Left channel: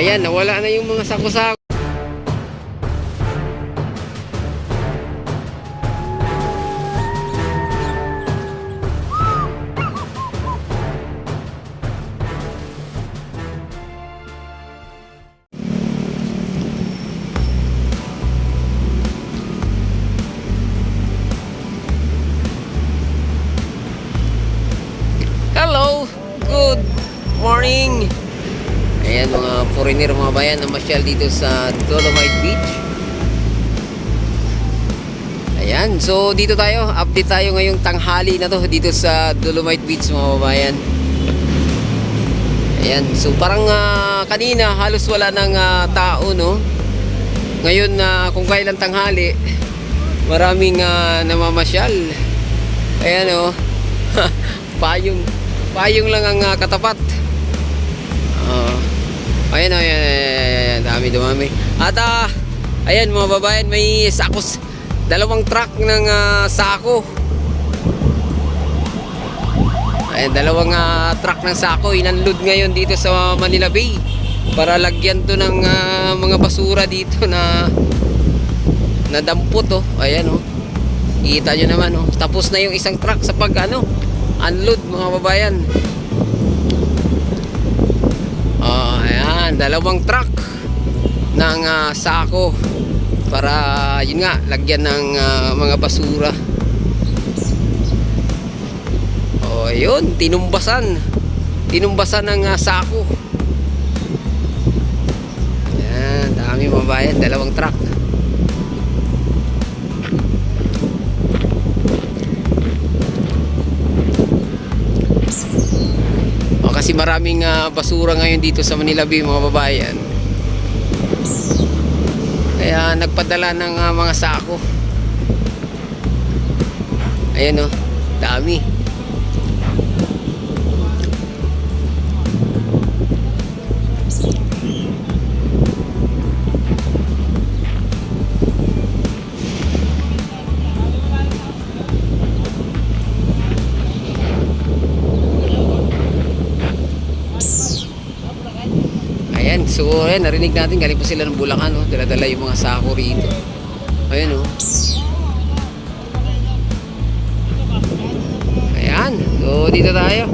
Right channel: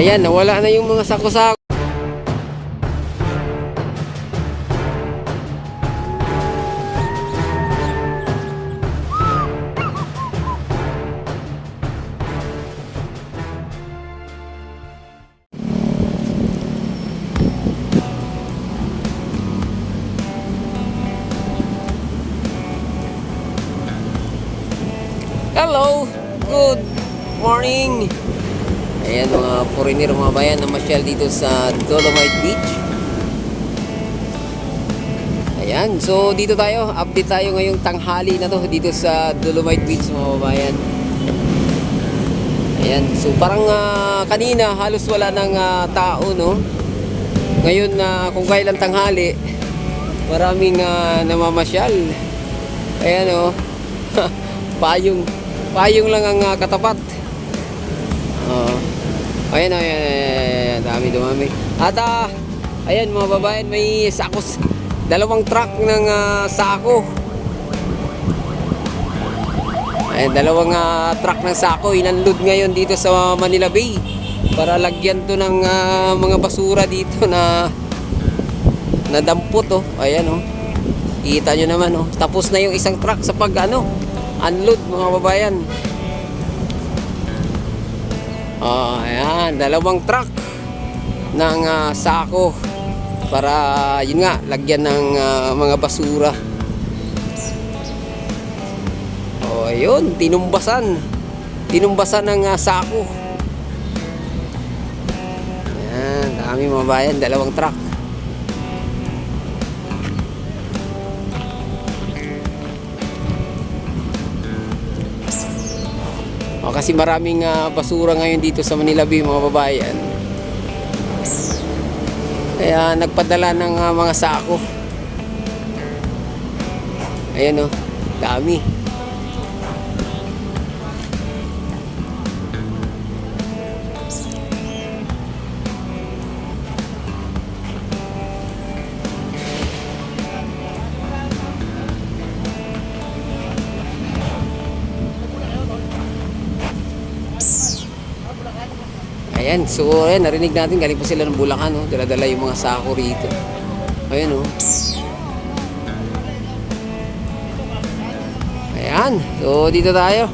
Ayan, nawala na yung mga sako-sako. Hello, good morning. Ayan mga foreigner, mga bayan na masyal dito sa Dolomite Beach. Ayan, so dito tayo, update tayo ngayong tanghali na to dito sa Dolomite Beach mga bayan. Ayan, so parang kanina halos wala ng tao, no? Ngayon kung kailan tanghali, maraming namamasyal. Ayan, oh. Payong lang ang katapat. Ayan, dami dumami. At ayan mga babayan, may sakos, dalawang truck ng sako. Ayan, dalawang truck ng sako inunload ngayon dito sa Manila Bay para lagyan to ng mga basura dito na dampot, oh. Ayan, oh. Kita nyo naman, oh. Tapos na yung isang truck sa unload mga babayan. Ayan, dalawang truck ng sako para yun nga, lagyan ng mga basura. Ayun, tinumbasan ng sako. Ayan, dami mga bayan, dalawang truck. Kasi maraming basura ngayon dito sa Manila Bay mga babayan. Kaya nagpadala ng mga sako. Ayan, oh, dami. Ayan, so ayan, narinig natin galing pa sila ng Bulacan, oh. Dala-dala yung mga sako rito. Ayan, oh. Ayan, so dito tayo.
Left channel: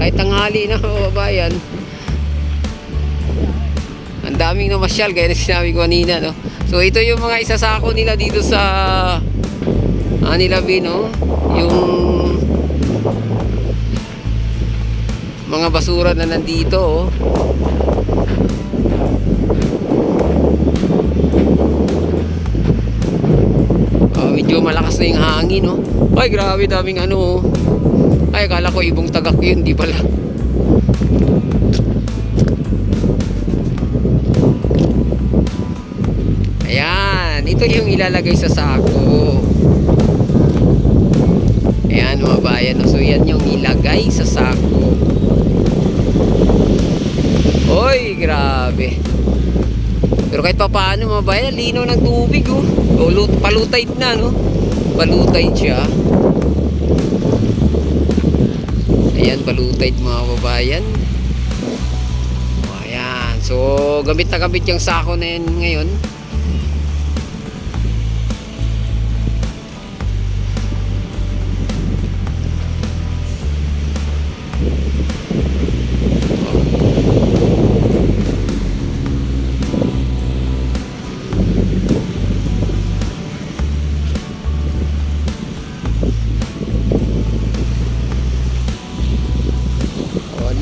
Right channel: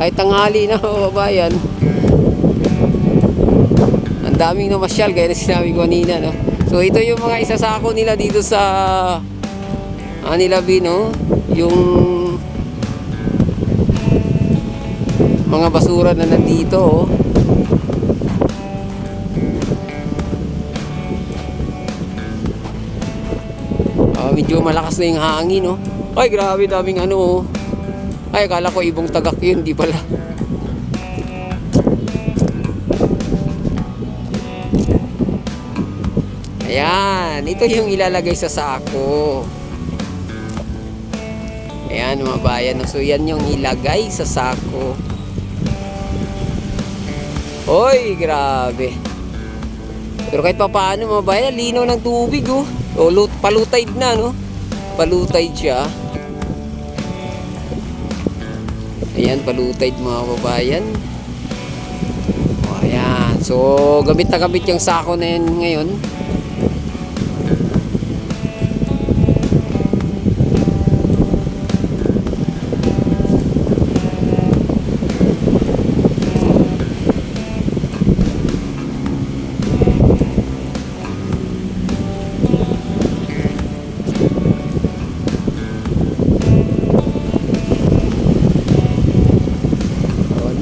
Kahit tanghali na mga babayan. Ang daming namasyal, gaya na sinabi ko kanina, no. So ito yung mga isasako nila dito sa Manila Bay, no. Yung mga basura na nandito, oh. Medyo malakas na yung hangin, no? Ay, grabe, daming oh. Ay, akala ko ibong tagak yun, di pala. Ayan, ito yung ilalagay sa sako. Ayan mga bayan, so yan yung ilagay sa sako. Oy, grabe. Pero kahit pa paano mga bayan, linaw ng tubig, oh. O, palutay na, no? Palutay siya. Ayan, palutay mga babayan. Ayan, so gamit na gamit yung sako na yun ngayon.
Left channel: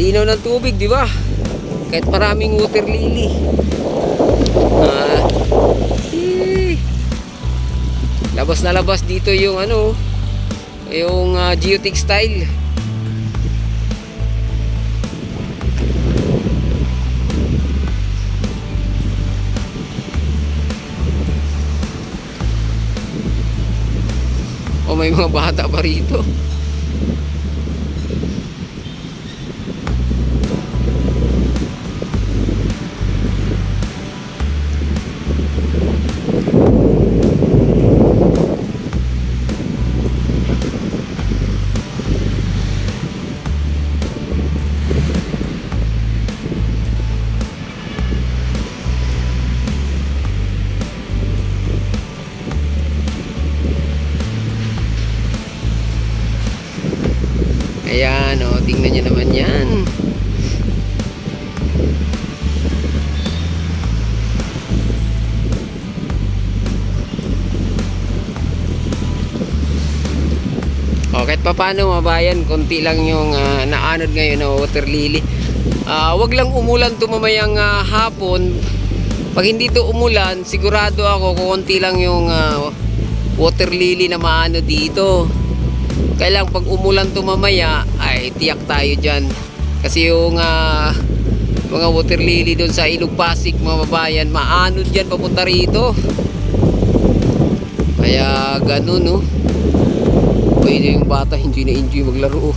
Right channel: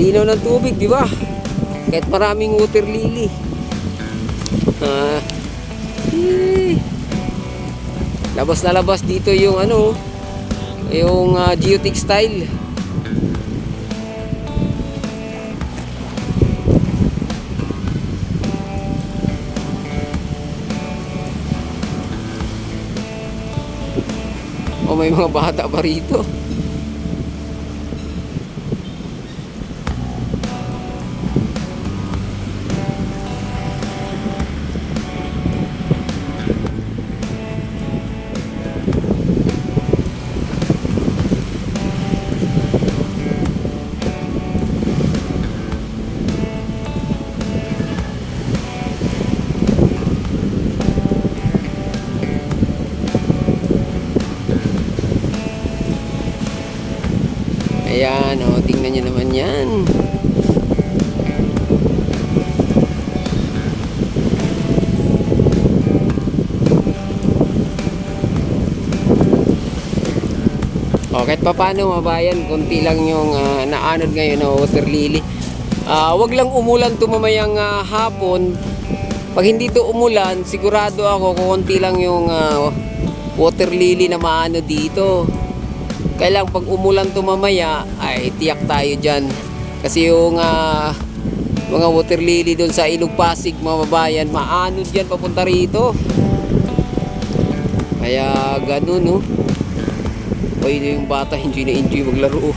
Linaw ng tubig, di ba? Kahit maraming water lily. Labas na labas dito yung yung geotextile. O, may mga bata pa rito. Ayan, oh, tingnan nyo naman yan. O, kahit pa paano mabayan, konti lang yung naanod ngayon na water lily. Wag lang umulan to mamayang hapon. Pag hindi to umulan, sigurado ako konti lang yung water lily na maano dito. Kailang pag umulan to mamaya, ay tiyak tayo dyan. Kasi yung mga water lily doon sa Ilog Pasig, mga babayan, maanod dyan papunta rito. Kaya ganun, no? Pwede yung bata, enjoy na enjoy maglaro.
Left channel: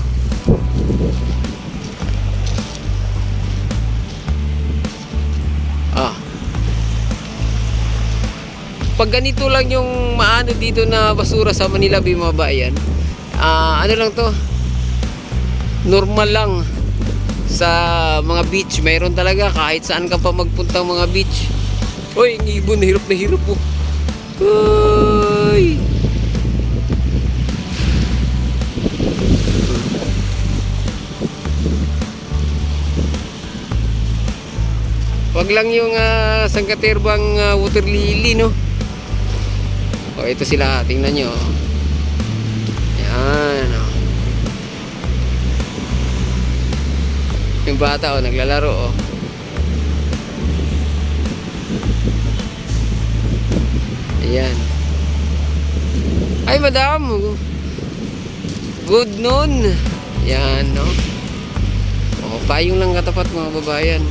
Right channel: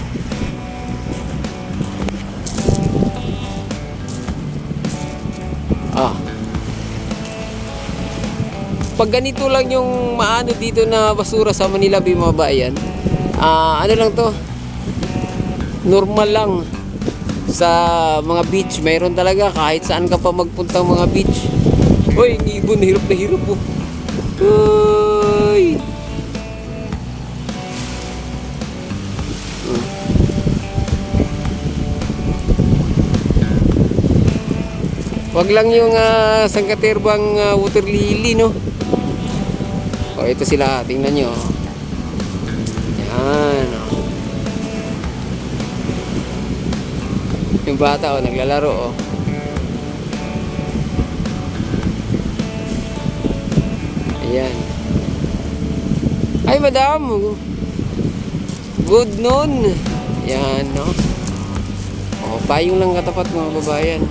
Pag ganito lang yung maano dito na basura sa Manila Bay, mga bayan, ano lang to, normal lang. Sa mga beach, mayroon talaga kahit saan ka pa magpuntang mga beach. Hoy, ang ibon, hirap na hirap po. Hoy. Wag lang yung sangkaterbang water lily, no? O, ito sila, tingnan nyo. Yan, o. Yung bata, o, naglalaro, o. Ayan. Ay, madam. Good noon. Yan, no? O, payong lang katapat, mga babayan.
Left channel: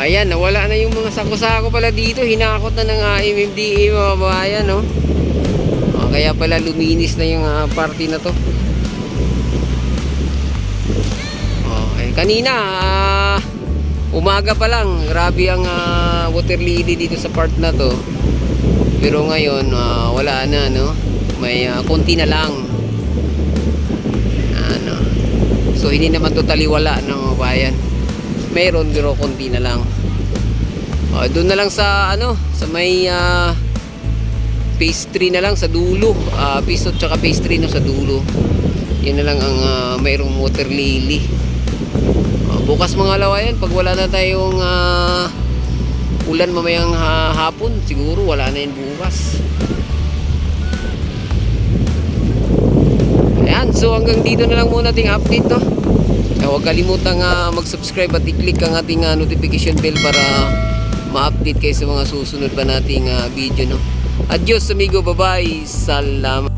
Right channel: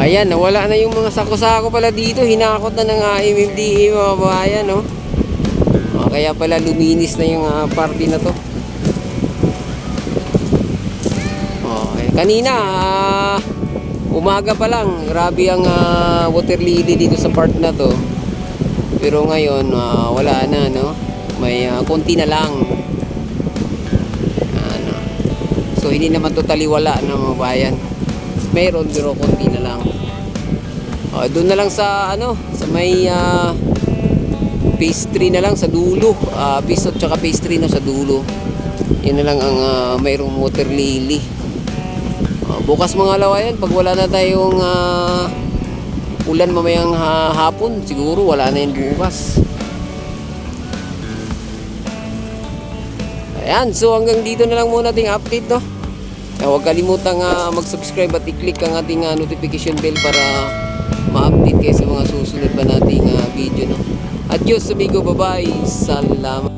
Ayan, nawala na yung mga sako-sako pala dito. Hinakot na ng MMDA, mga babayan, no? Kaya pala luminis na yung party na to. Kanina, umaga pa lang, grabe ang water lily dito sa part na to. Pero ngayon, wala na, no? May konti na lang. Ano. So, hindi naman totally wala, no, mga bayan. Meron pero konti na lang. Doon na lang sa sa may phase 3 na lang sa dulo. Phase 2 tsaka phase 3 na sa dulo. Yan na lang ang mayroong water lily. Bukas mga lawayan, pag wala na tayong ulan mamayang hapon, siguro wala na yun bukas. Ayan, so hanggang dito na lang muna ating update, no? Huwag kalimutang mag-subscribe at i-click ang ating notification bell para ma-update kayo sa mga susunod pa nating video, no? Adios amigo, bye-bye. Salamat.